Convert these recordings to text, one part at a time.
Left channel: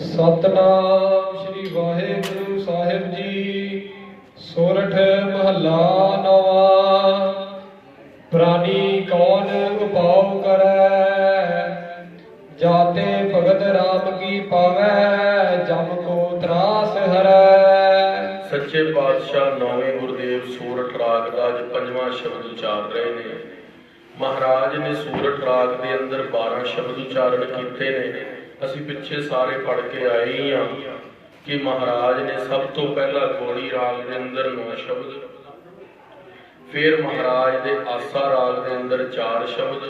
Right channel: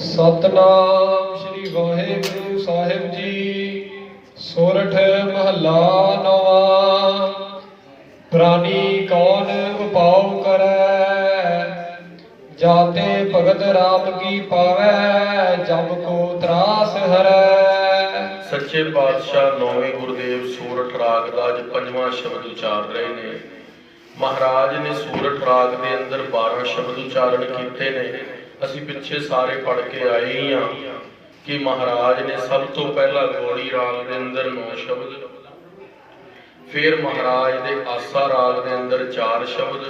सतनाम श्री वाहेगुरु साहिब जी। सोरठ महला नवा। प्राणी कौन उपाव करे, जाते भगत राम की पावै, जम को त्रास हरै। सच्चे पातशाह नौवें गुरुदेव सूरठ राग का अज पंजवां शब्द उचार रहे ने। महाराज ने सूरठ राग के अंदर 12 शब्द उचारण किए ने। असी पिछे सारे पढ़ के आए ही हाँ कि महाराज ने सब तो पहला गौड़ी राग के अंदर 9 शब्द, फिर महाराज ने आसा राग के अंदर 4 शब्द,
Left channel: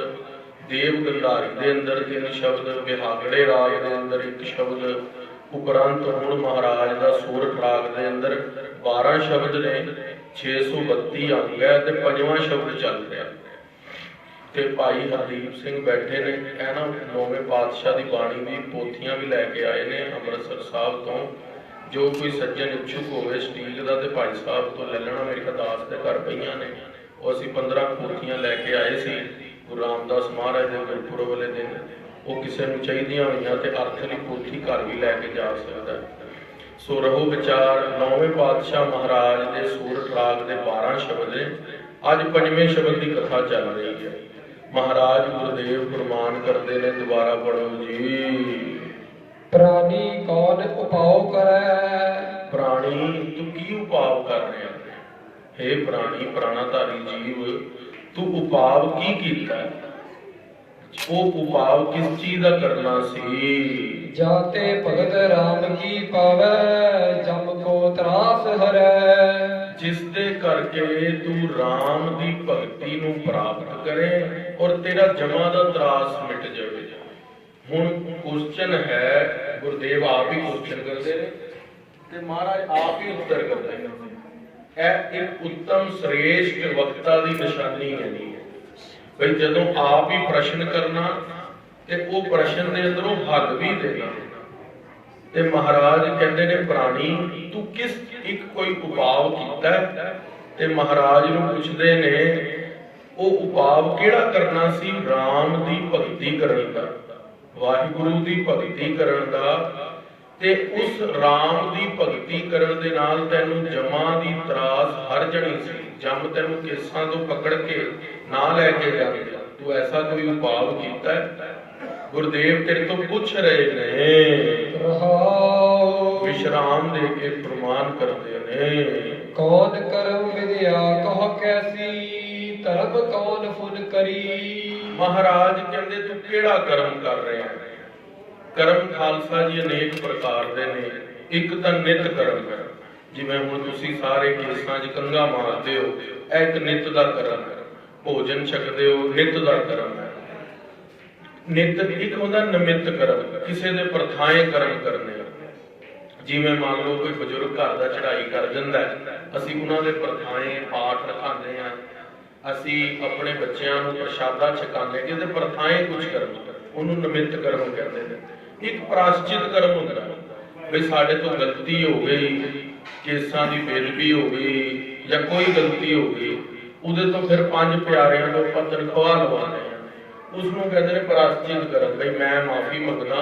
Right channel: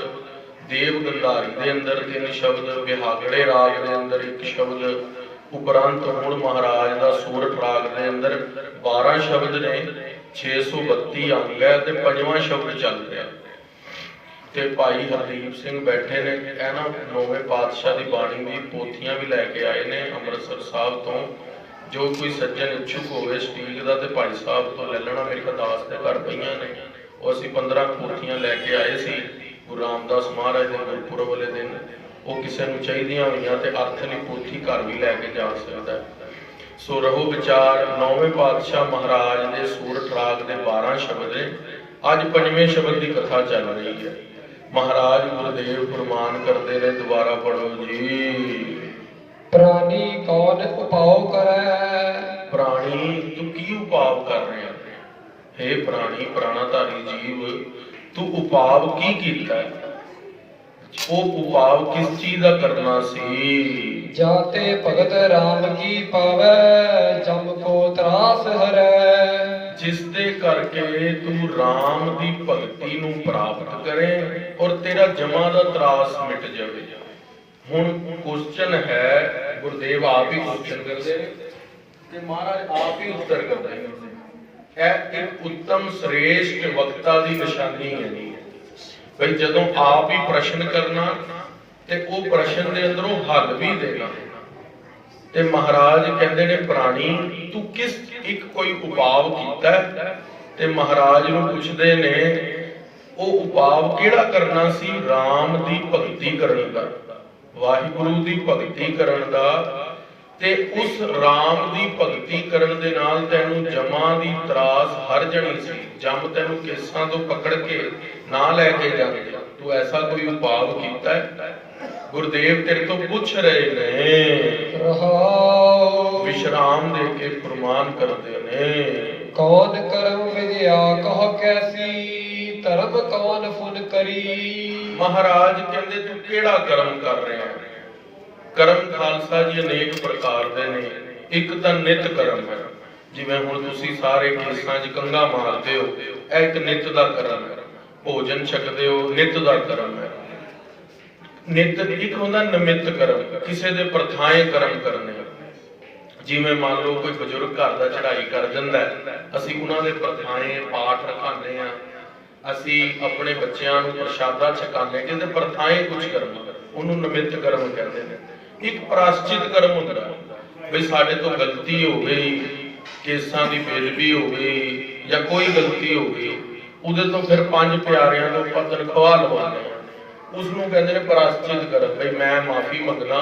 देव गंधारी के अंदर 3 शब्द, बिहागड़े राग के अंदर 1 शब्द, उपरंत हुण महाराज का सूरठ राग के अंदर 12 शब्द ने। 632 अंग है ते 5वां शब्द चल रहा ते भाई हरदीप सिंह बैठे ने। है ना, नौवें पातशाह की बाणी की पोथियां भी लैके आए ने अमृतसर साहब तो। जो कोई सज्जन इच्छुक होवे स्टील का तो भाई साहब तो ले लेना। मेरे दास के घर पईयां ने, वो असीं 15 पोथियां लैके आए सी गुरु रामदास महाराज के गुरपुरब वाले दिन। वो किसी को चाहिए हुई तो अर्थ की पोथी घर भी लैके जा सकता है। सो रहो विचार। नौवें पातशाह महाराज के सूरठ राग के 12 शब्द ने। अज 5वें शब्द की कथा चल रही है। महाराज गुरुदेव फरमान करते ने, दोबारा पढ़ो जी। प्राणी कौन उपाव करे। प्राणी तू की उपाव कर रहे हैं? हे प्राणी, प्राणाधारी जीव, तू उपाव की कीता है? वो उपाव किस चीज का करना सी? जाते भगत राम की पावै, जम को त्रास हरै। जिसदे करके तू राम दी भगती नूं प्राप्त करे और तेरा जमा दा त्रास मिट जाए। हुण क्वेश्चन है, गुरुदेव आप ही क्वेश्चन करते हैं ते महाराज आप ही उत्तर करते हैं। यह एक उत्तम श्रेष्ठ वक्ता की निशानी है जी। भाई जदों आप ही प्रश्न करना ते वो प्रश्न के अंदरों हल भी देना। ते महाराज कहते ने, प्राणी तू किस एक कोई उपाव कीता है? ते महाराज नूं पुछदे ने, वो उपाव केड़ा करना सी? राम दी भगती करन दा, वाहिगुरु दी भगती करन दा। ते उस राम दी भगती करन दे नाल तैनूं जमा दी त्रास हर जणी सी। जम तैनूं केसां तो पकड़ के ना लैके जांदे। तू ऐसा कोई उपाव कीता है? गुरुदेव तेरे तो पूछ रहे ने। विश्राम दे के प्रमाण करते ने। कौन कर्म विद्या कह कैसी, धर्म कौन फुन करी। महाराज कहते तू केड़ा कर्म कर रहे हैं? कर्म खालसा जी अनेक प्रकार दे ने। एक तो नित कर्म है, जिवें हुण तुसीं सारे केसां 'च कंघा मारदे हो, यह एक नित दा कर्म है। भोजन छकदे हो, नित दा कर्म है। नित एक होंदा निमित्त कर्म, किसी दे प्रथाएं कर्म करने। जिवें मान लो कोई बजुर्ग घर दा चढ़ाई कर दिंदा है, असीं उन्हां दे प्रथाएं पाठ रखांदे आ, असीं अपने बच्चों नूं प्रशादा छकांदे, कि प्रथाएं कुछ करना, उन्होंने निमित्त कर्म कहते हैं। एक प्राश्चित कर्म होंदा भी साडे तो गलती हो गई, केसां दी बेदबी हो गई या कोई गलती हो गई, उहदे तो फिर 5 प्यारियां तो ਆਪਾਂ तनख्वाह लवाने उसनूं कहते हैं प्राश्चित कर्म। भाई मैं माफी मंगना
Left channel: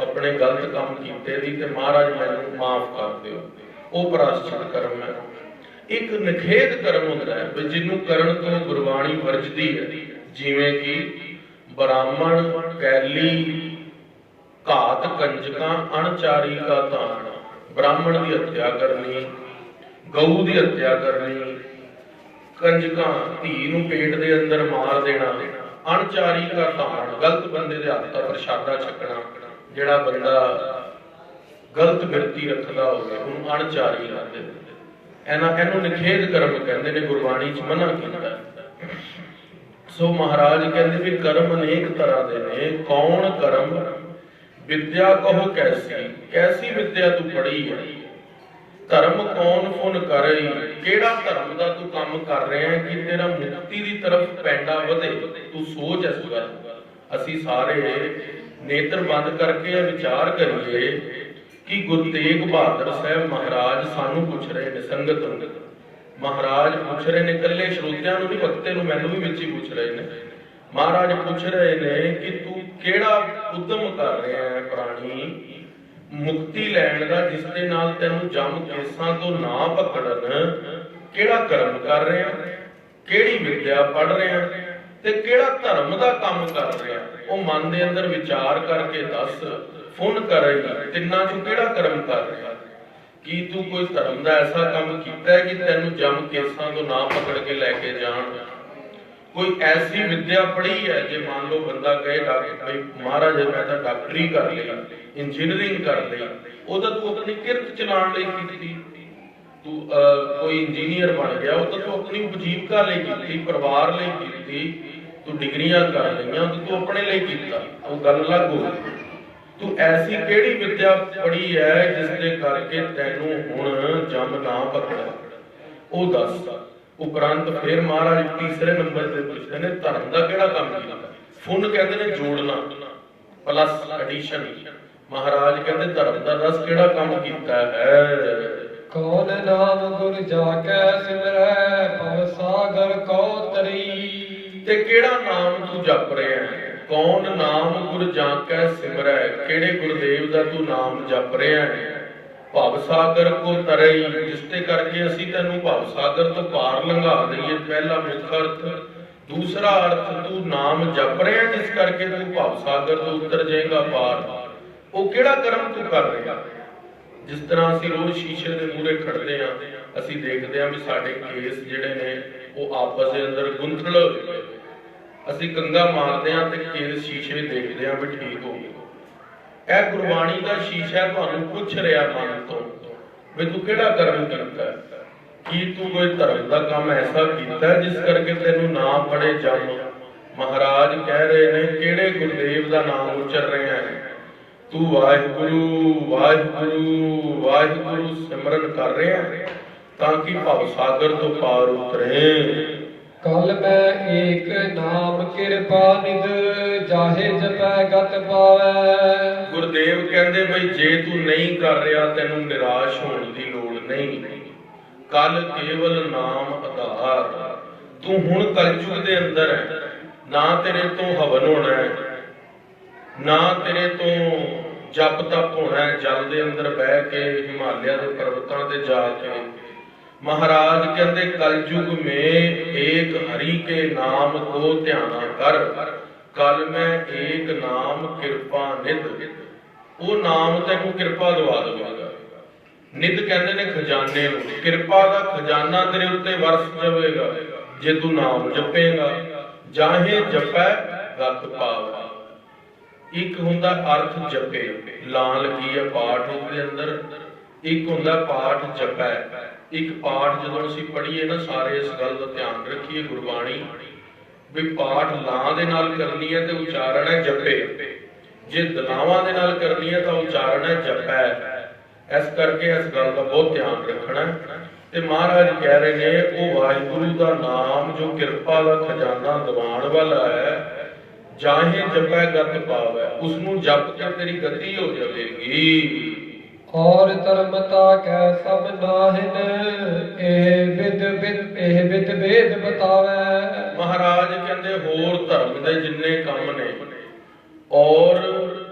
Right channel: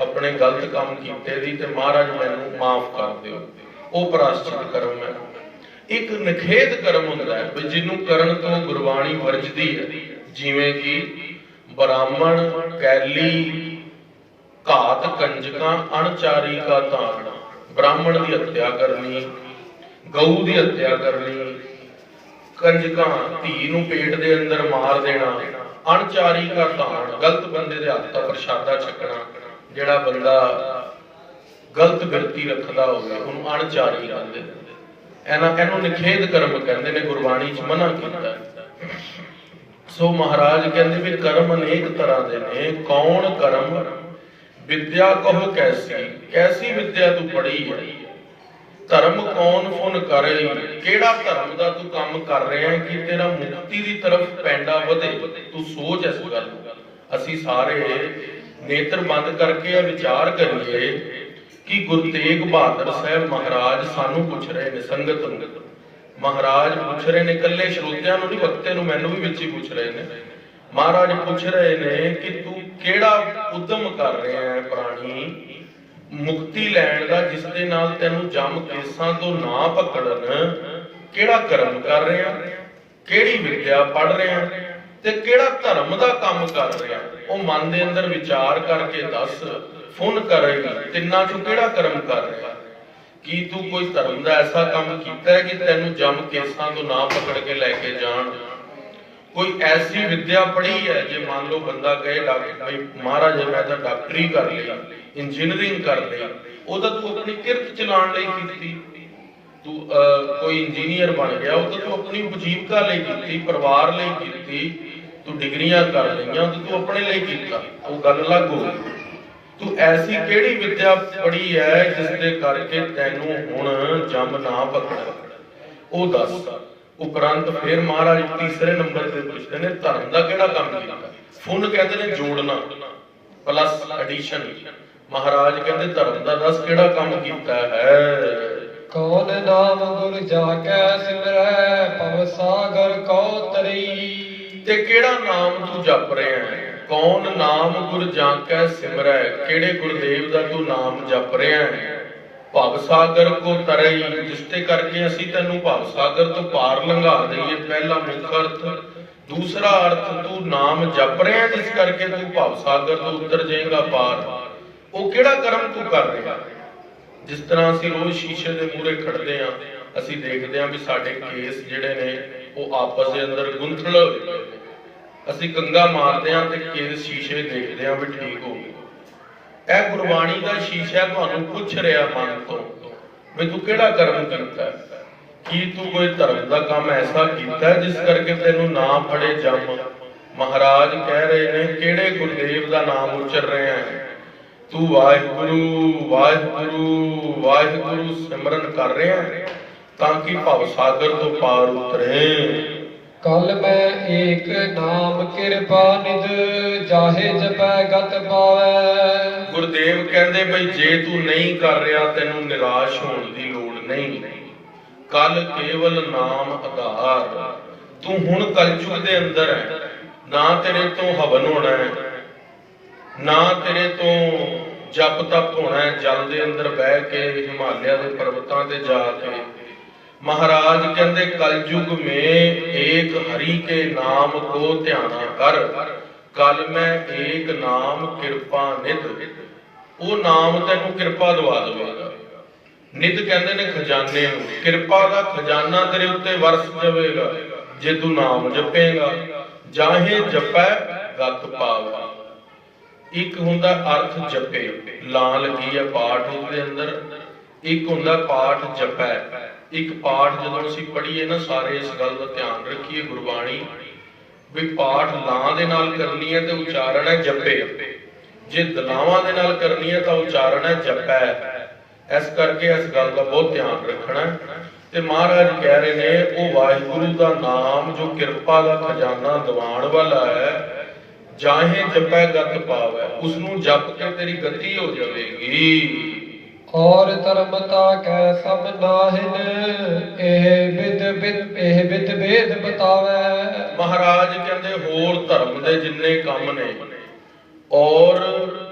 अपने गलत काम कीते दी ते महाराज मैनूं माफ कर दिओ, वो प्राश्चित कर्म है। एक निखेध कर्म होंदा है भी जिन्हों करन तो गुरबाणी वरजदी है। जिवें कि ब्राह्मण कैली घात कंजकां अणचारी का तान। ब्राह्मण की हत्या करनी, गऊ की हत्या करनी, कंजकां धी नूं पेट दे अंदर मार देना, अणचारी का तान गलत बंदे दे हत्थ दा प्रशादा छकना। जिहड़ा बंदा गलत बिरती रखदा होवे उहनूं अणचारी कहंदे ने। इहनूं निखेध कर्म कहंदे ने, गुरबाणी च मना कीता है। सो महाराज कहंदे भी कर्म अनेक तरह दे ने। कौन कर्म विद्या कहो कैसी, कैसी विद्या तू पढ़ी है? धर्म कौन फुन करे, केड़ा धर्म दा तू काम कर रहे हैं कि तेरा मुक्ति की तरफ पैंडा वधे। तू सोच इस गल। असीं सारे नेत्र बंद करके विचार करिए कि गुरु तेग बहादुर साहब महाराज सानू पूछ रहे ने, संगत नूं महाराज पूछ रहे ने, कल्ले श्रोतियां नूं नहीं, वक्ते नूं मैनूं भी विच ही पूछ रहे ने। महाराज पूछ रहे ने कि तू केड़ा उद्यम कर रहे हैं प्राणी ਮੁਕਤੀ ਲੈਣ ਦਾ, ਜਿਸ ਦੇ ਨਾਲ ਤੈਨੂੰ ਜਮ ਕੇਸਾਂ ਤੋਂ ਨਾ ਪਕੜਨ, ਕਿਹੜਾ ਕਰਮ ਕਰ ਰਿਹਾ, ਕਿਹੜੀ ਵਿਦਿਆ ਪੜ੍ਹ ਰਿਹਾ ਤੇ ਕਿਹੜਾ ਧਰਮ ਦਾ ਕੰਮ ਕਰ ਰਿਹਾ, ਉਹ ਮਨ ਦੇ ਅੰਦਰ ਵਿਚਾਰ ਕਰਕੇ ਦੱਸ। ਫੁਨ ਕਰੇਗੀ, ਤਿੰਨਾਂ ਚੋਂ ਕਿਹੜਾ ਕਰਮ ਕਰ ਰਿਹਾ? ਕੀ ਤੂੰ ਕੋਈ ਧਰਮ ਦਾ ਐਸਾ ਕੰਮ ਕੀਤਾ ਹੈ ਕਿ ਤੈਨੂੰ ਜਮ ਕੇਸਾਂ ਤੋਂ ਨਾ ਪਕੜ ਕੇ ਲੈ ਕੇ ਜਾਣ? ਕੋਈ ਐਸੀ ਵਿਦਿਆ ਪੜ੍ਹੀ ਹੈ? ਜੇ ਮੰਨ ਲਓ ਬੰਦਾ ਕਹੇ ਡਾਕਟਰ ਮਹਾਰਾਜ ਮੈਂ ਤਾਂ ਡਾਕਟਰੀ ਕਰ ਲਈ, ਇੰਜੀਨੀਅਰਿੰਗ ਕਰ ਲਈ, ਉਹਦਾ ਤੂੰ ਆਪਣੀ ਕਿਰਤ ਚਲਾਉਣ ਲਈ ਕੀਤੀ। ਤੂੰ ਕੋਈ ਇੰਜੀਨੀਅਰ ਬਣ ਗਿਆ, ਉਹ ਤਾਂ ਤੂੰ ਆਪਣੀ ਉਪਜੀਵਕਾ ਲਈ ਕੀਤੀ, ਪਰਿਵਾਰ ਲਈ ਕੀਤੀ। ਤੂੰ ਡਿਗਰੀਆਂ ਕਰ ਲਈਆਂ ਤੇ ਤੂੰ ਆਪਣੇ ਲਈ ਕੀਤਾ, ਉਹ ਗੱਲ ਅਲੱਗ ਹੋ। ਤੂੰ ਐਸੀ ਕਿਹੜੀ ਵਿਦਿਆ ਪੜ੍ਹੀ ਹੈ ਜਿਸ ਦੇ ਕਰਕੇ ਤੈਨੂੰ ਹੁਣ ਜਮ ਨਾ ਪਕੜੇ, ਉਹ ਦੱਸ। ਉਪਰੰਤ ਫਿਰ ਮਹਾਰਾਜ ਤੀਸਰੇ ਨੰਬਰ ਤੇ ਪੁੱਛਦੇ ਨੇ ਧਰਮ ਦਾ ਕਿਹੜਾ ਕੰਮ ਕੀਤਾ। ਫੁਨ ਕਹਿੰਦੇ ਨੇ ਜੋੜਨਾ, ਪਲੱਸ ਐਡੀਸ਼ਨ। ਮਹਾਰਾਜ ਕਹਿੰਦੇ ਧਰਮ ਦਾ ਦੱਸ ਕਿਹੜਾ ਕੰਮ ਕੀਤਾ ਹੈ। ਕੌਣ ਨਾਮ ਗੁਰ ਜਾ ਕੈ ਸਿਮਰੈ, ਭਵ ਸਾਗਰ ਕਉ ਤਰੀ। ਤੇ ਕਿਹੜਾ ਨਾਮ ਤੂੰ ਜਪ ਰਿਹਾ ਹੈ? ਕੌਣ ਨਾਮ ਗੁਰ ਜਾ ਕੈ ਸਿਮਰੈ, ਕਿਹੜੇ ਗੁਰਦੇਵ ਦਾ ਤੂੰ ਨਾਮ ਜਪ ਰਿਹਾ ਹੈ। ਭਵ ਸਾਗਰ ਕੋ ਤਰਈ, ਜਿਸ ਤੇ ਕਰਕੇ ਅਸੀਂ ਤੈਨੂੰ ਭਵ ਸਾਗਰ ਤੋਂ ਪਾਰ ਲੰਘਾ ਦਈਏ। ਪਹਿਲਾ ਮੁੱਖ ਅਰਥ। ਦੂਸਰਾ ਅਰਥ, ਤੂੰ ਨਾਮ ਜਪ ਰਿਹਾ ਜਿਸ ਕਰਕੇ ਤੂੰ ਭਵ ਸਾਗਰ ਤੋਂ ਉਤਰ ਜਾਏਗਾ ਪਾਰ। ਉਹ ਕਿਹੜਾ ਕਰਮ ਤੂੰ ਕਰ ਰਿਹਾ? ਜਿਸ ਤਰ੍ਹਾਂ ਅਸੀਂ ਰੋਜ਼ ਸ਼ੀਸ਼ੇ ਦੇ ਮੂਹਰੇ ਖੜਦੇ ਹਾਂ, ਅਸੀਂ ਦੇਖਦੇ ਹਾਂ ਵੀ ਸਾਡੇ ਕੇਸ ਜਿਹੜੇ ਨੇ ਉਹ ਆਪਸ ਦੇ ਅੰਦਰ ਗੁੰਥਲ ਹੋਏ। ਅਸੀਂ ਕੰਗਾ ਮਾਰਦੇ ਹਾਂ ਤੇ ਕੇਸ ਸ਼ੀਸ਼ੇ ਦੇਖਦੇ ਹਾਂ ਵੀ ਠੀਕ ਹੋ ਗਏ। ਇਹ ਗੁਰਬਾਣੀ ਦਾ ਸ਼ੀਸ਼ਾ ਤੁਹਾਨੂੰ ਪੁੱਛ ਰਿਹਾ ਮਨ ਤੋਂ ਵੀ ਤੂੰ ਕਿਹੜਾ ਕਰਮ ਕੀਤਾ। ਕੀ ਤੂੰ ਕੋਈ ਧਰਮ ਦਾ ਕੰਮ ਐਸਾ ਕੀਤਾ ਜਿਸ ਕਰਕੇ ਤੈਨੂੰ ਨਾ ਫੜੇ ਜਮ। ਮਹਾਰਾਜ ਕਹਿ ਰਹੇ ਨੇ ਕਿਹੜੇ ਗੁਰਦੇਵ ਦਾ ਨਾਮ ਉਚਰ ਰਿਹਾ ਹੈ। ਤੂੰ ਵਾਹਿਗੁਰੂ ਵਾਹਿਗੁਰੂ ਵਾਹਿਗੁਰੂ ਸਿਮਰਨ ਕਰ ਰਿਹਾ ਤਾਂ ਕਿ ਭਵ ਸਾਗਰ ਤੋਂ ਪਾਰ ਉਤਰੇ। ਕਲ ਮੈਂ ਏਕ ਨਾਮ ਕਿਰਪਾ ਨਿਧ, ਜਾਹੇ ਜਪੈ ਗਤ ਪਾਵੈ। ਗੁਰਦੇਵ ਕਹਿੰਦੇ ਬਈ ਜੇ ਤੂੰ ਨਹੀਂ ਕਰ ਰਿਹਾ ਤੈਨੂੰ ਨਿਰਾਸ਼ ਹੋਣ ਦੀ ਲੋੜ ਨਹੀਂ। ਕਲ ਕੇਵਲ ਨਾਮ ਆਧਾਰ। ਤੂੰ ਹੁਣ ਕਲਯੁਗ ਦੇ ਅੰਦਰ ਹੈ, ਨਾ ਤੇਰੇ ਤੋਂ ਹਵਨ ਹੋਣਾ ਹੈ, ਨਾ ਤੇਰੇ ਤੋਂ ਜਪ ਤਪ ਹੋਣਾ ਹੈ ਜਲ ਦੇ ਅੰਦਰ ਬਹਿ ਕੇ ਹਿਮਾਲਿਆ ਦੇ ਪਰਬਤਾਂ ਤੇ ਜਾ ਕੇ। महाराज कहते कलयुग में एक हरि के नाम को ध्याना कर, कल में एक नाम कृपा निध। वो नाम तेनू कृपा दवा देगा। निध कहते ने खजाने, कृपा का खजाना तेरे उत्ते वरस जाएगा जे तू नाम जपेगा। जाहे जपै गत पावे। एक हुंदा अर्थ जपे, लां लगी है पाठ दे अंदर। एक हुंदा पाठ जपै। एक पाठ जो असीं पढ़ीए ना सारे इस गल का ध्यान रखिए। गुरबाणी भी पाठ लां दे नाल करनी है तो उच्चारण है जपे, जे दलावां दे नाल करनी है तो उच्चारण है जपै। इस करके इस गल का बहुत ध्यान रखना है। ते महाराज कह रहे ने वो वाहिगुरु का नाम जो कृपा का खजाना दवाण वाला है, जाहे जपै गत पावै, उसनू जप के तेरी गति हो जाएगी। और धर्मता कै सब नाहिन, एह विद वेद बतावै। महाराज कहते होर धर्म दे जिन्ने काम ने और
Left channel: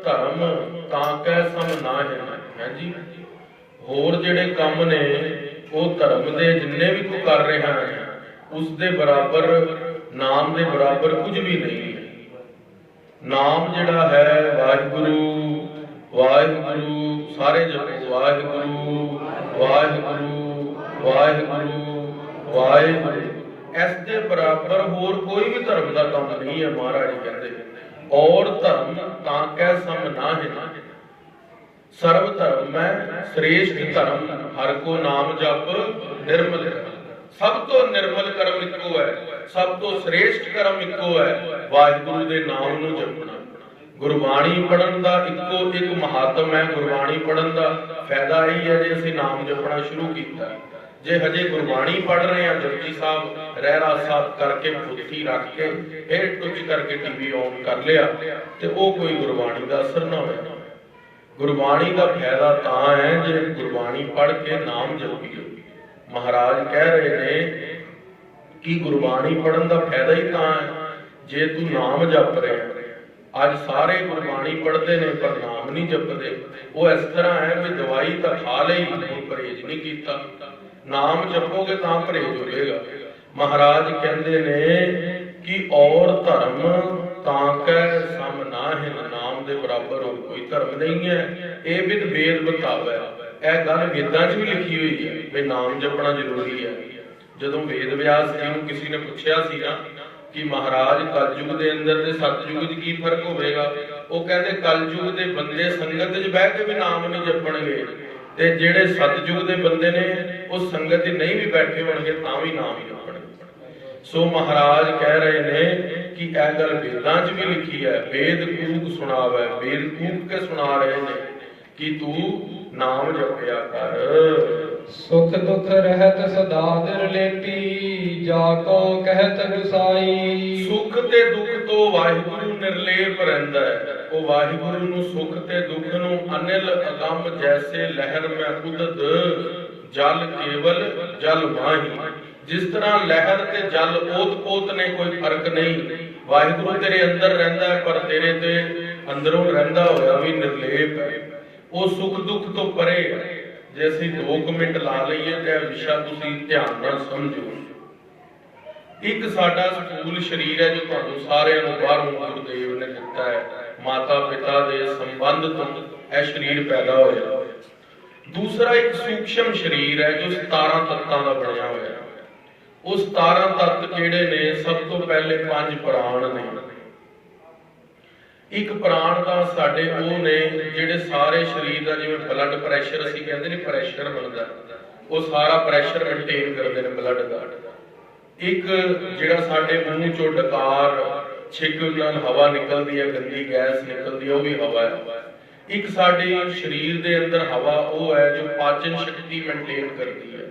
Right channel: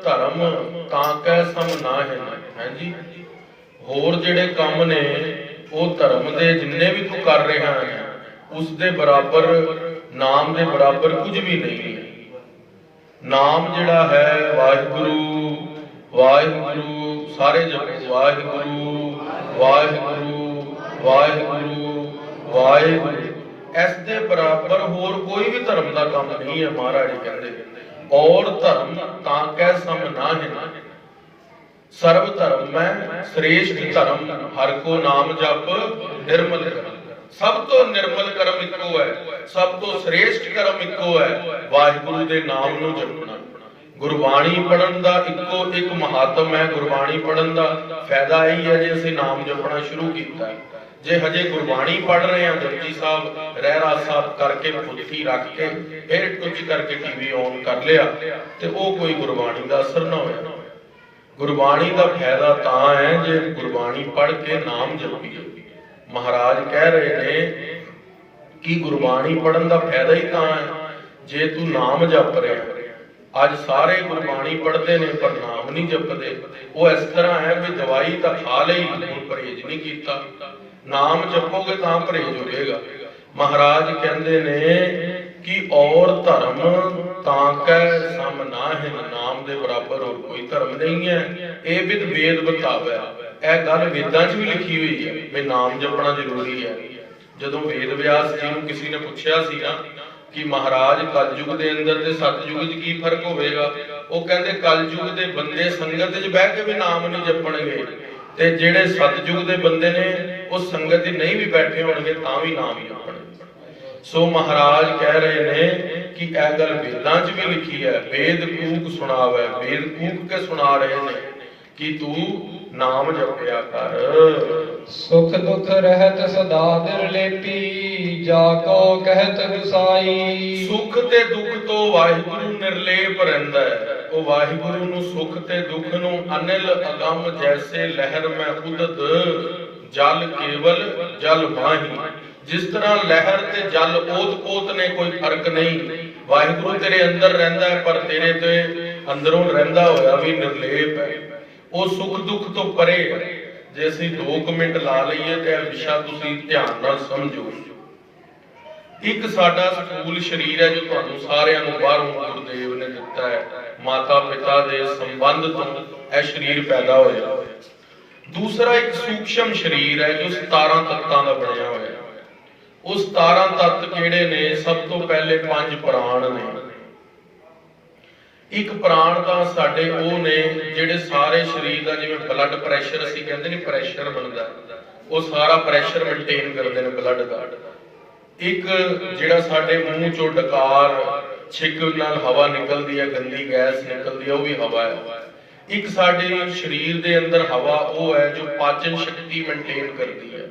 धर्म तां कै सब नाहिन है जी। होर जेड़े काम ने वो धर्म दे जिन्ने भी तू कर रहा है उस दे बराबर, नाम दे बराबर कुछ भी नहीं। नाम जिहड़ा है वाहिगुरु वाहिगुरु, सारे जपो वाहिगुरु वाहिगुरु वाहिगुरु वाहिगुरु। इस दे बराबर होर कोई भी धर्म का काम नहीं है। महाराज कहते और धर्म तां कै सम नाहिन, सर्व धर्म में श्रेष्ठ धर्म हर को नाम जप निर्मल करम। सब तो निर्मल करम इको है, सब तो श्रेष्ठ करम इको है, वाहिगुरु दे नाम नू जपना। गुरबाणी पढ़न का इको एक महात्म है। गुरबाणी पढ़न का फायदा यही है जे असीं नाम जपना शुरू किया है। जे हजे गुरबाणी पढ़ रहे हैं जपजी साहब रहरास साहब करके पुथी रख के फिर टुच करके टीवी ऑन कर लिया तो वो कोई गुरबाणी का असर ना हो। गुरबाणी का फायदा तां है जे गुरबाणी पढ़ के नाम जपीए। महाराज कह रहे ने कि गुरबाणी पढ़न का फायदा ही तां है जे तू नाम जप रहे। ਅੱਜ ਸਾਰੇ ਗੁਰਬਾਣੀ ਪੜ੍ਹਦੇ ਨੇ ਪਰ ਨਾਮ ਨਹੀਂ ਜਪਦੇ। ਉਹ ਇਸ ਤਰ੍ਹਾਂ ਹੈ ਵੀ ਦਵਾਈ ਤਾਂ ਖਾ ਲਈ ਪਰ ਪਰਹੇਜ਼ ਨਹੀਂ ਕੀਤਾ। ਨਾਮ ਜਪੋਗੇ ਤਾਂ ਪਰਹੇਜ਼ ਹੋਵੇਗਾ। ਮਹਾਰਾਜ ਕਹਿੰਦੇ ਨੇ ਕਿ ਔਰ ਧਰਮ ਤਾਂ ਕੈ ਸਮ ਨਾਹਿ, ਨਾਮ ਦੇ ਬਰਾਬਰ ਹੋਰ ਕੋਈ ਧਰਮ ਨਹੀਂ ਹੈ। ਇਹ ਵਿਦ ਵੇਦ ਬਤਾਵੇ, ਇਹ ਗੱਲ ਵੇਦਾਂ 'ਚ ਵੀ ਲਿਖੀ ਹੋਈ ਹੈ ਵੀ ਨਾਮ ਜਪਣਾ ਜ਼ਰੂਰੀ ਹੈ। ਜਦੋਂ ਵੇਦ ਵਿਆਸ ਜੀ ਨੂੰ ਕਿਸੇ ਨੇ ਪੁੱਛਿਆ ਸੀ ਨਾ ਕਿ ਮਹਾਰਾਜ ਕਲਯੁਗ ਦੇ ਅੰਦਰ ਤੇ ਸਤਯੁਗ 'ਚ ਕੀ ਫਰਕ ਹੋਵੇਗਾ, ਉਹ ਕਹਿੰਦੇ ਕਲਯੁਗ ਦੇ ਬੰਦੇ ਸੰਗਤ 'ਚ ਬਹਿ ਕੇ ਵੀ ਨਾਮ ਨਹੀਂ ਜਪਣਗੇ, ਤੇ ਜਿਹੜੇ ਸਤਯੁਗ ਦੇ ਬੰਦੇ ਨੇ ਉਹ ਸੰਗਤ 'ਚ ਨਹੀਂ ਵੀ ਬੈਠੇ ਹੋਣਗੇ ਤਾਂ ਵੀ ਨਾਮ ਜਪਣਗੇ। ਸੋ ਮਹਾਰਾਜ ਕਹਿ ਰਹੇ ਨੇ ਕਿ ਇਹ ਗੱਲ ਵੇਦਾਂ 'ਚ ਵੀ ਲਿਖੀ ਹੈ, ਵੇਦ ਕੂਕ ਸੁਣਾਵੇ, ਵੇਦ ਕੂਕ ਕੇ ਸੁਣਾ ਰਹੇ ਨੇ ਕਿ ਤੂੰ ਨਾਮ ਜਪਿਆ ਕਰ। ਸੁਖ ਦੁਖ ਰਹਿਤ ਸਦਾ ਦਿਲ ਲੇਪੀ, ਜਾ ਕੋ ਕਹਿਤ ਗੁਸਾਈ। ਸੁਖ ਤੇ ਦੁੱਖ ਤੋਂ ਵਾਹਿਗੁਰੂ ਨਿਰਲੇਪ ਰਹਿੰਦਾ ਹੈ। ਉਹ ਵਾਹਿਗੁਰੂ ਨੂੰ ਸੁਖ ਤੇ ਦੁੱਖ ਨੂੰ ਅਨਿਲ ਅਗੰਮ ਜੈਸੇ ਲਹਿਰ ਮੈਂ ਉਦਤ, ਜਲ ਕੇਵਲ ਜਲ ਮਾਹੀ। ਜਿਸ ਤਰ੍ਹਾਂ ਲਹਿਰ ਤੇ ਜਲ ਓਤ-ਪੋਤ ਨੇ, ਕੋਈ ਫਰਕ ਨਹੀਂ। ਵਾਹਿਗੁਰੂ ਤੇਰੇ ਅੰਦਰ ਰਹਿੰਦਾ ਹੈ ਪਰ ਤੇਰੇ ਤੇ ਅੰਦਰੋਂ ਰਹਿੰਦਾ ਹੋਇਆ ਵੀ ਨਿਰਲੇਪ ਹੈ। ਉਹ ਸੁਖ ਦੁੱਖ ਤੋਂ ਪਰੇ ਹੈ। ਜੇ ਅਸੀਂ 2 ਮਿੰਟ ਲਾ ਲਈਏ ਤੇ ਇਹ ਵਿਸ਼ਾ ਤੁਸੀਂ ਧਿਆਨ ਨਾਲ ਸਮਝੋ। ਇੱਕ ਸਾਡਾ ਸਥੂਲ ਸਰੀਰ ਹੈ ਜੋ ਤੁਹਾਨੂੰ ਸਾਰਿਆਂ ਨੂੰ ਬਾਹਰੋਂ ਗੁਰਦੇਵ ਨੇ ਦਿੱਤਾ ਹੈ, ਮਾਤਾ ਪਿਤਾ ਦੇ ਸੰਬੰਧ ਤੋਂ ਇਹ ਸਰੀਰ ਪੈਦਾ ਹੋਇਆ। ਦੂਸਰਾ ਇੱਕ ਸੂਖਸ਼ਮ ਸਰੀਰ ਹੈ ਜੋ 17 ਤੱਤਾਂ ਦਾ ਬਣਿਆ ਹੋਇਆ। ਉਹ 17 ਤੱਤ ਕਿਹੜੇ ਨੇ? ਸਭ ਤੋਂ ਪਹਿਲੇ 5 ਪ੍ਰਾਣ ਨੇ। ਇੱਕ ਪ੍ਰਾਣ ਤਾਂ ਸਾਡੇ ਉਹ ਨੇ ਜਿਹੜੇ ਸਾਰੇ ਸਰੀਰ ਦਾ, ਜਿਵੇਂ ਬਲੱਡ ਪ੍ਰੈਸ਼ਰ ਅਸੀਂ ਕਹਿੰਦੇ ਨੇ ਪ੍ਰੈਸ਼ਰ ਬਣਦਾ, ਉਹ ਸਾਰਾ ਪ੍ਰੈਸ਼ਰ ਮੇਨਟੇਨ ਕਰਦੇ ਨੇ ਬਲੱਡ ਦਾ। ਇੱਕ ਜਿਹੜਾ ਸਾਡੇ ਮੂੰਹ ਚੋਂ ਡਕਾਰ ਛਿੱਕ ਨਾਲ ਹਵਾ ਨਿਕਲਦੀ ਹੈ, ਗੰਦੀ ਗੈਸ ਨਿਕਲਦੀ ਹੈ, ਉਹ ਵੀ ਹਵਾ ਹੈ। ਇੱਕ ਸਾਡੇ ਸਰੀਰ ਦੇ ਅੰਦਰ ਹਵਾ ਉਹ ਹੈ ਜੋ ਪਾਚਨ ਸ਼ਕਤੀ ਮੇਨਟੇਨ ਕਰਦੀ ਹੈ।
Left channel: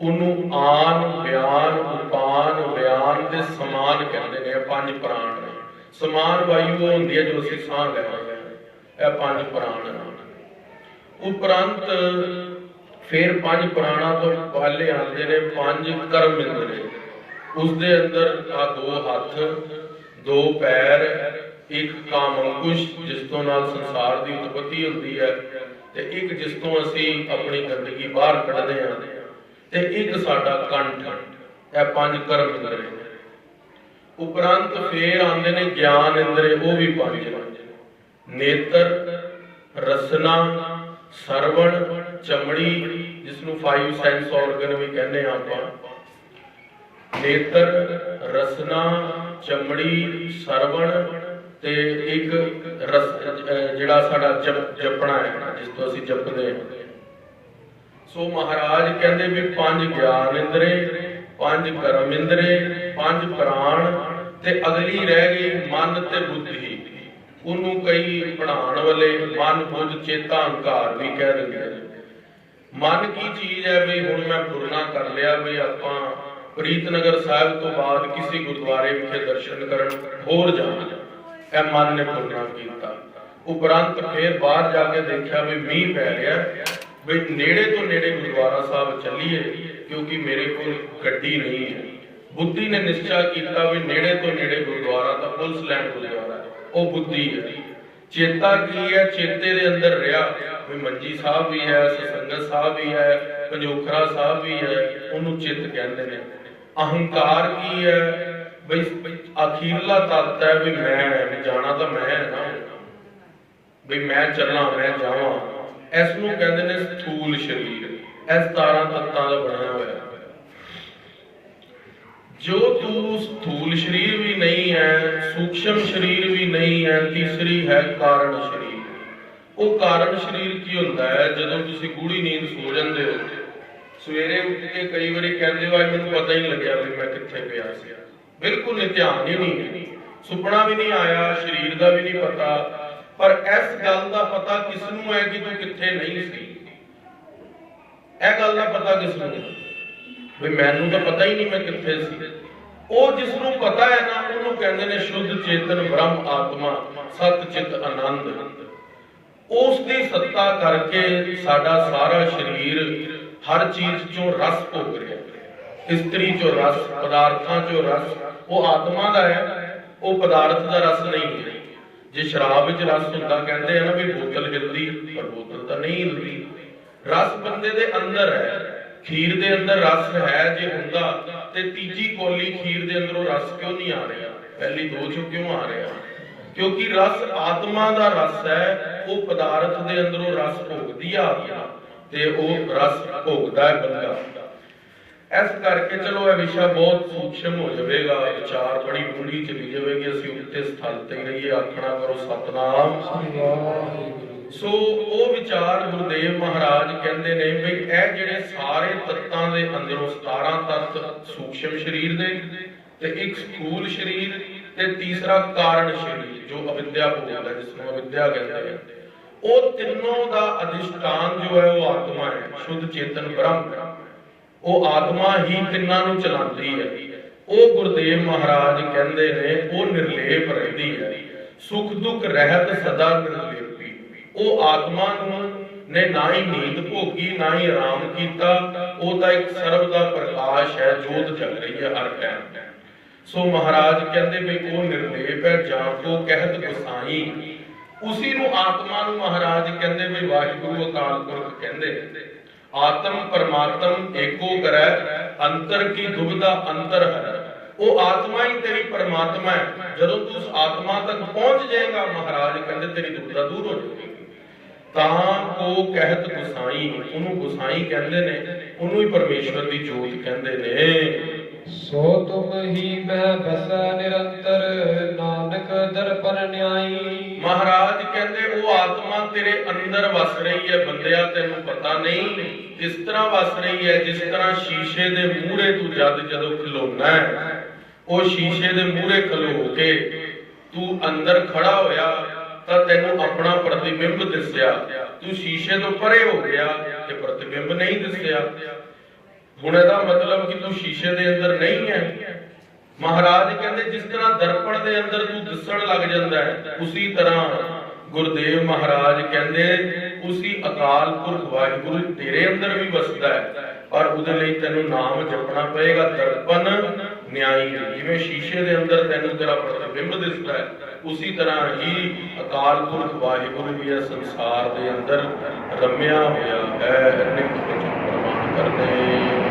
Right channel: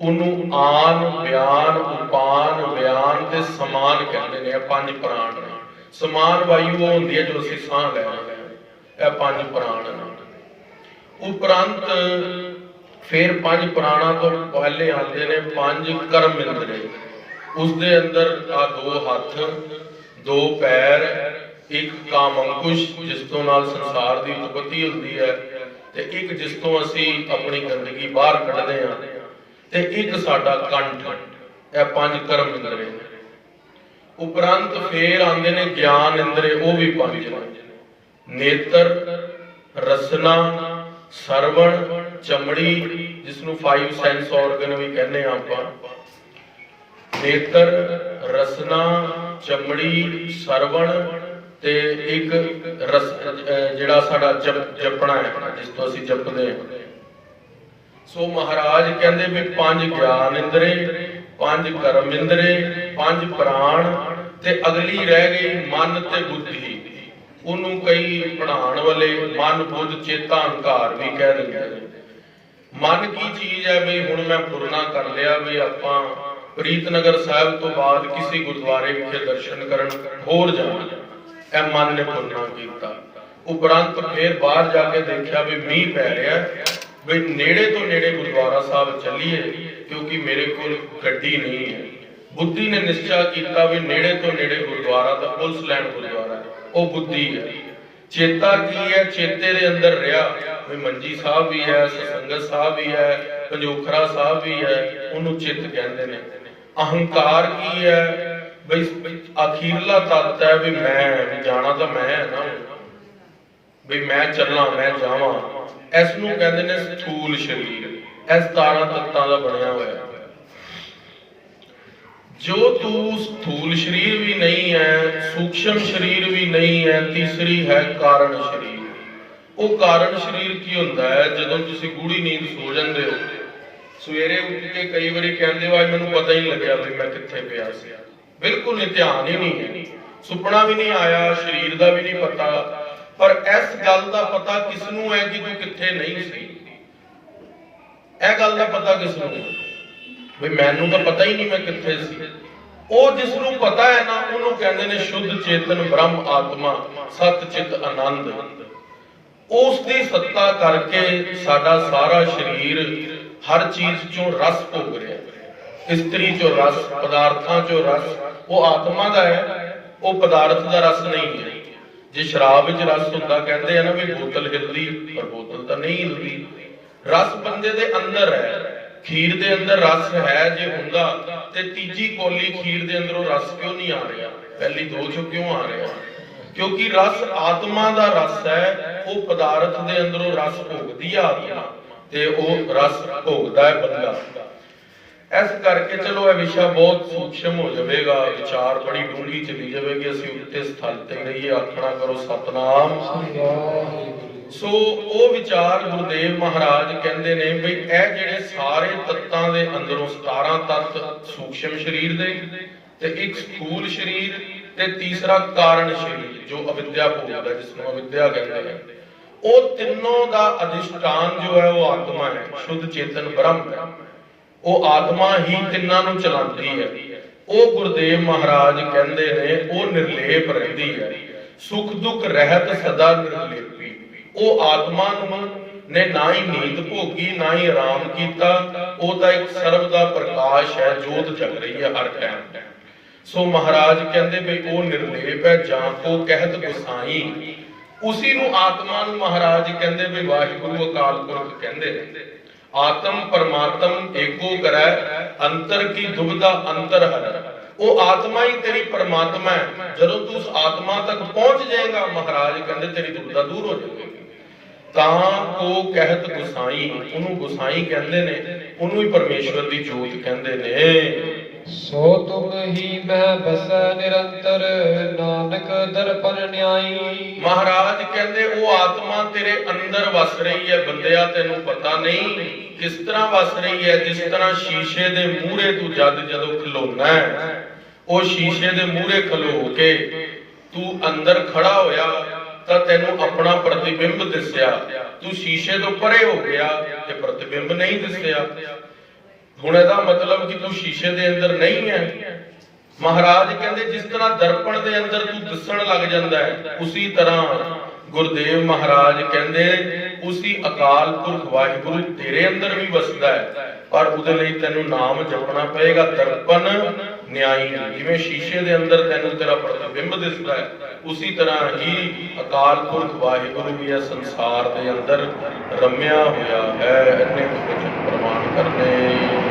ਉਹਨੂੰ ਆਨ, ਬਿਆਨ, ਉਪਾਨ, ਵਿਆਨ ਤੇ ਸਮਾਨ ਕਹਿੰਦੇ ਨੇ। ਇਹ 5 ਪ੍ਰਾਣ ਨੇ। ਸਮਾਨ ਵਾਯੂ ਉਹ ਹੁੰਦੀ ਹੈ ਜੋ ਅਸੀਂ ਸਾਹ ਲੈ ਰਹੇ ਹਾਂ। ਇਹ 5 ਪ੍ਰਾਣ ਨੇ। ਉਪਰੰਤ ਫਿਰ 5 ਪ੍ਰਾਣਾਂ ਤੋਂ ਪਹਿਲੇ ਆਉਂਦੇ ਨੇ 5 ਕਰਮ ਇੰਦਰੀ। ਉਸ ਦੇ ਅੰਦਰ ਆ 2 ਹੱਥ, 2 ਪੈਰ, ਇੱਕ ਕਾਮ ਅੰਕੁਸ਼ ਜਿਸ ਤੋਂ ਨਾਲ ਸੰਸਾਰ ਦੀ ਉਤਪਤੀ ਹੁੰਦੀ ਹੈ, ਤੇ ਇੱਕ ਜਿਸ ਤੋਂ ਅਸੀਂ ਆਪਣੀ ਗੰਦਗੀ ਬਾਹਰ ਕੱਢਦੇ ਹਾਂ, ਤੇ ਇੱਕ ਸਾਡਾ ਕੰਠ। ਇਹ 5 ਕਰਮ ਇੰਦਰੀ ਨੇ। ਉਪਰੰਤ ਫੇਰ ਆਉਂਦੇ ਨੇ ਗਿਆਨ ਇੰਦਰੀ, ਉਹ ਵੀ 5 ਨੇ। ਨੇਤਰ, ਰਸਨਾ, ਸਰਵਣ, ਚਮੜੀ, ਜਿਸ ਨੂੰ 5 ਸੈਂਸ ਆਰਗਨ ਵੀ ਕਹਿੰਦੇ ਆ ਆਪਾਂ। ਨੇਤਰ, ਰਸਨਾ, ਚਮੜੀ, ਸਰਵਣ ਤੇ ਇੱਕ ਜਿਹੜਾ ਸਾਡਾ ਜਪਣਾ ਹੈ, ਜਿਸ ਤੋਂ ਅਸੀਂ ਜਪਦੇ ਹਾਂ। ਸੋ ਮਹਾਰਾਜ ਕਹਿੰਦੇ ਵੀ 5 ਗਿਆਨ ਇੰਦਰੀ, 5 ਕਰਮ ਇੰਦਰੀ, 5 ਪ੍ਰਾਣ, ਤੇ ਅਗਲੀ ਰਹਿ ਗਈ ਮਨ ਤੇ ਬੁੱਧੀ। ਉਹਨੂੰ ਕਈ ਪੜ੍ਹਾਉਣ ਵਾਲੇ ਮਨ, ਬੁੱਧ, ਚੇਤਾ, ਅਹੰਕਾਰ ਵੀ ਕਹਿ ਦਿੰਦੇ ਨੇ। ਮਨ ਕੀ ਚੀਜ਼ ਹੈ? ਵੀ ਹੁਣ ਮੈਂ ਪੂਰਨਾ ਕਰ ਲਿਆ ਵੀ ਆਪਾਂ ਪ੍ਰੀਤਨਗਰ ਸਾਹਿਬ ਤੋਂ ਬਾਅਦ ਕਿਸੇ ਗੁਰਦੁਆਰੇ ਵਿਖੇ ਦਰਸ਼ਨ ਕਰਨ ਹੋਰ ਜਾਣਾ, ਇਹ ਮਨ ਨੇ ਪੂਰਨਾ ਕੀਤਾ। ਉਪਰੰਤ ਫੇਰ ਬਾਹਰ ਜਾ ਕੇ ਦੇਖਿਆ ਵੀ ਮੀਂਹ ਪੈ ਰਿਹਾ, ਵੀ ਨੇੜੇ ਤੋਂ ਨੇੜੇ ਗੁਰਦੁਆਰਾ ਸਾਹਿਬ ਚੱਲੀਏ ਕਿਉਂਕਿ ਮੇਰੇ ਕੋਲ ਗੱਡੀ ਨਹੀਂ ਹੈ। ਬੁੱਧੀ ਨੇ ਨਿਸ਼ਚਾ ਕੀਤਾ ਵੀ ਨੇੜੇ ਤੋਂ ਨੇੜੇ ਗੁਰਦੁਆਰਾ ਤਾਂ ਪੁਲਿਸ ਲਾਈਨ ਗੁਰਦੁਆਰਾ ਹੈ, ਉਹ ਬੁੱਧੀ ਹੈ। ਚੇਤਾ ਕੀ ਹੈ? ਚੇਤੇ ਦੇ ਅੰਦਰ ਰਿਹਾ ਵੀ ਮੰਜੀ ਸਾਹਿਬ ਵੀ ਹੈ, ਸਤਸੰਗਤ ਸਾਹਿਬ ਵੀ ਹੈ, ਪੰਜੋਖਰਾ ਸਾਹਿਬ ਵੀ ਹੈ, ਉਹਨੂੰ ਚਿੱਤ ਕਹਿੰਦੇ ਨੇ। ਅਹੰਕਾਰ ਕੀ ਹੈ? ਬਈ ਅਖੀਰਲਾ ਤੱਤ ਹੈ ਵੀ ਮੈਂ, ਵੀ ਜਾਣਾ ਤਾਂ ਮੈਂ ਹੈ ਨਾ, ਵੀ ਮੈਂ ਚੱਲਾਂ, ਮੈਂ ਜਾਵਾਂ। ਇਸ ਨੂੰ ਕਹਿੰਦੇ ਨੇ ਸਥੂਲ ਸਰੀਰ। ਇਹ 17 ਤੱਤਾਂ ਦਾ ਬਣਿਆ ਹੋਇਆ। ਜੋ ਤੂੰ ਸਥੂਲ ਸਰੀਰ ਵੀ ਨਹੀਂ ਹੈ, ਸੂਖਸ਼ਮ ਸਰੀਰ ਵੀ ਨਹੀਂ ਹੈ, ਤੀਸਰੀ ਹੈ ਕਾਰਨ ਸਰੀਰ। ਉਹ ਕਾਰਨ ਸਰੀਰ ਕੀ ਹੁੰਦਾ ਹੈ? ਜਦੋਂ ਤੁਸੀਂ ਗੂੜੀ ਨੀਂਦ ਸੋ ਜਾਂਦੇ ਹੋ, ਸਵੇਰੇ ਉੱਠ ਕੇ ਕਈ ਵਾਰੀ ਕਹਿੰਦੇ ਹੋ ਮੈਨੂੰ ਪਤਾ ਹੀ ਲੱਗਿਆ ਵੀ ਮੈਂ ਕਿੱਥੇ ਪਿਆ ਸੀ। ਬਿਲਕੁਲ ਨਹੀਂ, ਧਿਆਨ ਹੀ ਨਹੀਂ ਹੈ, ਸੁਪਨਾ ਵੀ ਨਹੀਂ ਆਇਆ, ਸਰੀਰ ਦਾ ਵੀ ਨਹੀਂ ਪਤਾ। ਪਰ ਇਸ ਗੱਲ ਦਾ ਪਤਾ ਕਿਸ ਨੂੰ ਹੈ ਕਿ ਤੂੰ ਕਿੱਥੇ ਨਹੀਂ ਸੀ? ਇਹ ਗੱਲ ਦਾ ਪਤਾ ਕਿਸ ਨੂੰ? ਵੀ ਮੈਨੂੰ ਤਾਂ ਪਤਾ ਹੀ ਨਹੀਂ ਮੈਂ ਕਿੱਥੇ ਸੀ। ਉਹ ਜਿਸ ਨੂੰ ਪਤਾ ਹੈ ਨਾ, ਉਹਨੂੰ ਕਹਿੰਦੇ ਨੇ ਸ਼ੁੱਧ ਚੇਤਨ ਬ੍ਰਹਮ ਆਤਮਾ, ਸਤ ਚਿਤ ਆਨੰਦ। ਉਸ ਦੀ ਸੱਤਾ ਕਰਕੇ ਸਾਡਾ ਸਾਰਾ ਸਰੀਰ ਹਰ ਚੀਜ਼ ਚੋਂ ਰਸ ਭੋਗ ਰਿਹਾ। ਇਸਤਰੀ ਚੋਂ ਰਸ, ਪਦਾਰਥਾਂ ਚੋਂ ਰਸ। ਉਹ ਆਤਮਾ ਦਾ ਹੈ, ਉਹ ਪਦਾਰਥ ਦਾ ਰਸ ਨਹੀਂ ਹੈ। ਜੇ ਸ਼ਰਾਬ ਵਿੱਚ ਰਸ ਹੁੰਦਾ, ਕਹਿੰਦੇ ਆ ਨਾ ਵੀ ਬੋਤਲ ਹਿਲਦੀ, ਪਰ ਬੋਤਲ ਤਾਂ ਨਹੀਂ ਹਿਲਦੀ। ਰਸ ਬੰਦੇ ਦੇ ਅੰਦਰ ਹੈ। ਖੀਰ ਦੇ ਅੰਦਰ ਰਸ ਹੈ ਜੇ ਹੁੰਦਾ ਤੇ ਤੀਜੀ ਕੋਲੀ ਖੀਰ ਦੇ ਅੰਦਰੋਂ ਰਸ ਕਿਉਂ ਨਹੀਂ ਆ ਰਿਹਾ, ਪਹਿਲੀ ਦੋ ਚੋਂ ਕਿਉਂ ਆ ਰਿਹਾ? ਕਿਉਂਕਿ ਰਸ ਆਤਮਾ ਦਾ ਰਸ ਹੈ। ਉਹ ਪਦਾਰਥ ਦੇ ਅੰਦਰੋਂ ਰਸ ਭੋਗਦੀ ਆ ਆਤਮਾ, ਤੇ ਉਹ ਰਸ ਭੋਗਦਾ ਹੈ ਬੰਦਾ। ਇਸ ਕਰਕੇ ਚਲੋ ਇਹ ਵਿਸ਼ਾ ਬਹੁਤ ਸੂਖਸ਼ਮ ਹੋ ਜਾਵੇਗਾ, ਵਿਚਾਰ ਬੜੀ ਡੂੰਘੀ ਚਲੀ ਜਾਵੇਗੀ। ਅਸੀਂ ਉੱਤੇ ਸਥਲ ਤੇ ਰਹੀਏ, ਆਖਣਾ ਕਰੋ ਸਤਨਾਮ। ਸੋ ਉਹ ਵਿਚਾਰ ਗੁਰਦੇਵ ਮਹਾਰਾਜ ਕਹਿੰਦੇ ਨੇ ਵੀ ਇਹ ਜਿਹੜੇ ਸਾਰੇ ਤੱਤਾਂ ਦੇ ਅੰਦਰੋਂ 17 ਤੱਤ ਸੂਖਸ਼ਮ ਸਰੀਰ ਦੇ, ਤੇ ਇੱਕ ਸਥੂਲ ਸਰੀਰ, ਤੇ ਤੀਸਰਾ ਕਾਰਨ ਸਰੀਰ ਜੋ ਅਵਿਦਿਆ ਭੋਗਦਾ, ਜਿਸ ਨੂੰ ਅਵਿਦਿਆ ਕਹਿੰਦੇ ਨੇ, ਉਹ ਤਿੰਨੋਂ ਦਾ ਅਧਿਸ਼ਟਾਨ ਜੋ ਹੈ ਉਹ ਆਤਮਾ ਹੈ, ਸ਼ੁੱਧ ਚੇਤਨ ਬ੍ਰਹਮ ਹੈ। ਉਹ ਆਤਮਾ ਹੀ ਤਿੰਨਾਂ ਨੂੰ ਚਲਾਉਂਦੀ ਹੈ। ਉਹ ਗੁਰਦੇਵ ਮਹਾਰਾਜ ਕਹਿੰਦੇ ਨੇ ਉਹ ਨਿਰਲੇਪ ਰਹਿੰਦੀ ਹੈ, ਸੁਖ ਦੁੱਖ ਰਹਿਤ ਸਦਾ ਨਿਰਲੇਪੀ। ਉਹ ਆਤਮਾ ਨੂੰ ਨੇ ਨਾ ਹੀ ਨੀਂਦ ਭੋਗੀ, ਨਾ ਹੀ ਆਰਾਮ ਕੀਤਾ। ਉਹਦਾ ਇੱਕ ਸਰਬ ਦਾ ਪ੍ਰਕਾਸ਼ ਹੈ, ਜੋਤ ਜਗ ਰਹੀ ਹੈ ਹਰ ਟਾਈਮ। ਸੋ ਮਹਾਰਾਜ ਕਹਿੰਦੇ ਵੀ ਉਹ ਨਿਰਲੇਪ ਹੈ, ਜਾਂ ਕੋ ਕਹਿਤ ਗੁਸਾਈ। ਉਸੀ ਨੂੰ ਆਤਮਾ ਨੂੰ ਮਹਾਰਾਜ ਕਹਿੰਦੇ ਵੀ ਵਾਹਿਗੁਰੂ ਅਕਾਲ ਪੁਰਖ ਕਹਿੰਦੇ ਨੇ। ਆਤਮ ਪਰਮਾਤਮ ਏਕੋ ਕਰੈ, ਅੰਤਰ ਕੀ ਦੁਬਿਧਾ ਅੰਤਰ ਹਰੈ। ਉਹ ਆਤਮਾ ਹੀ ਤੇਰੀ ਪਰਮਾਤਮਾ ਹੈ। ਜਦੋਂ ਤੂੰ ਉਸ ਆਤਮਾ ਤੱਕ ਪਹੁੰਚ ਜਾਏਗਾ, ਮਹਾਰਾਜ ਕਹਿੰਦੇ ਤੇਰੀ ਦੁਬਿਧਾ ਦੂਰ ਹੋ ਜਾਏਗੀ। ਤਾਂ ਕੋ ਕਹਿਤ ਗੁਸਾਈ, ਉਹਨੂੰ ਗੁਸਾਈ ਕਹਿੰਦੇ ਨੇ, ਉਹਨੂੰ ਹੀ ਪਰਮੇਸ਼ਵਰ ਦੀ ਜੋਤ ਕਹਿੰਦੇ ਨੇ। ਸੋ ਤੁਮ ਹੀ ਮੈਂ ਬਸੈ ਨਿਰੰਤਰ, ਨਾਨਕ ਦਰਪਨ ਨਿਆਈ। ਮਹਾਰਾਜ ਕਹਿੰਦੇ ਉਹ ਆਤਮਾ ਤੇਰੇ ਅੰਦਰ ਵਸ ਰਹੀ ਹੈ ਬੰਦਿਆ, ਤੈਨੂੰ ਪਤਾ ਨਹੀਂ ਕਿਸ ਤਰ੍ਹਾਂ ਵਸ ਰਹੀ ਹੈ। ਜਿਸ ਤਰ੍ਹਾਂ ਸ਼ੀਸ਼ੇ ਦੇ ਮੂਹਰੇ ਤੂੰ ਜਦੋਂ ਖਲੋਣਾ ਹੈ, ਉਹ ਸ਼ੀਸ਼ੇ ਦੇ ਮੂਹਰੇ ਖਲੋ ਕੇ ਤੂੰ ਅੰਦਰ ਖੜਾ ਹੋਇਆ ਤਾਂ ਤੈਨੂੰ ਆਪਣਾ ਪ੍ਰਤੀਬਿੰਬ ਦਿਸਿਆ। ਤੂੰ ਸ਼ੀਸ਼ੇ ਤੋਂ ਪਰੇ ਹੋ ਗਿਆ ਤੇ ਪ੍ਰਤੀਬਿੰਬ ਨਹੀਂ ਦਿਸਿਆ। ਹੁਣ ਇਹਦਾ ਮਤਲਬ ਕਿ ਤੂੰ ਸ਼ੀਸ਼ੇ ਦੇ ਅੰਦਰ ਨਹੀਂ ਹੈ। ਮਹਾਰਾਜ ਕਹਿੰਦੇ ਜਿਸ ਤਰ੍ਹਾਂ ਦਰਪਣ ਦੇ ਅੰਦਰ ਤੂੰ ਦਿਸਣ ਲੱਗ ਜਾਂਦਾ ਹੈ, ਉਸੇ ਤਰ੍ਹਾਂ ਗੁਰਦੇਵ ਮਹਾਰਾਜ ਕਹਿੰਦੇ ਉਸੀ ਅਕਾਲ ਪੁਰਖ ਵਾਹਿਗੁਰੂ ਤੇਰੇ ਅੰਦਰ ਵੀ ਵਸਦਾ ਹੈ। ਪਰ ਉਹਦੇ ਲਈ ਤੈਨੂੰ ਨਾਮ ਜਪਣਾ ਪਏਗਾ, ਦਰਪਨ ਨਿਆਈ। ਜਿਵੇਂ ਸ਼ੀਸ਼ੇ ਦੇ ਅੰਦਰ ਤੈਨੂੰ ਤੇਰਾ ਪ੍ਰਤੀਬਿੰਬ ਦਿਸਦਾ ਹੈ, ਉਸੀ ਤਰ੍ਹਾਂ ਹੀ ਅਕਾਲ ਪੁਰਖ ਵਾਹਿਗੁਰੂ ਵੀ ਇਹ ਸੰਸਾਰ ਦੇ ਅੰਦਰ ਰਮਿਆ ਹੋਇਆ ਹੈ। ਇਹਨੇ ਕੁਝ ਪ੍ਰਮਾਣ ਕਰਨੇ।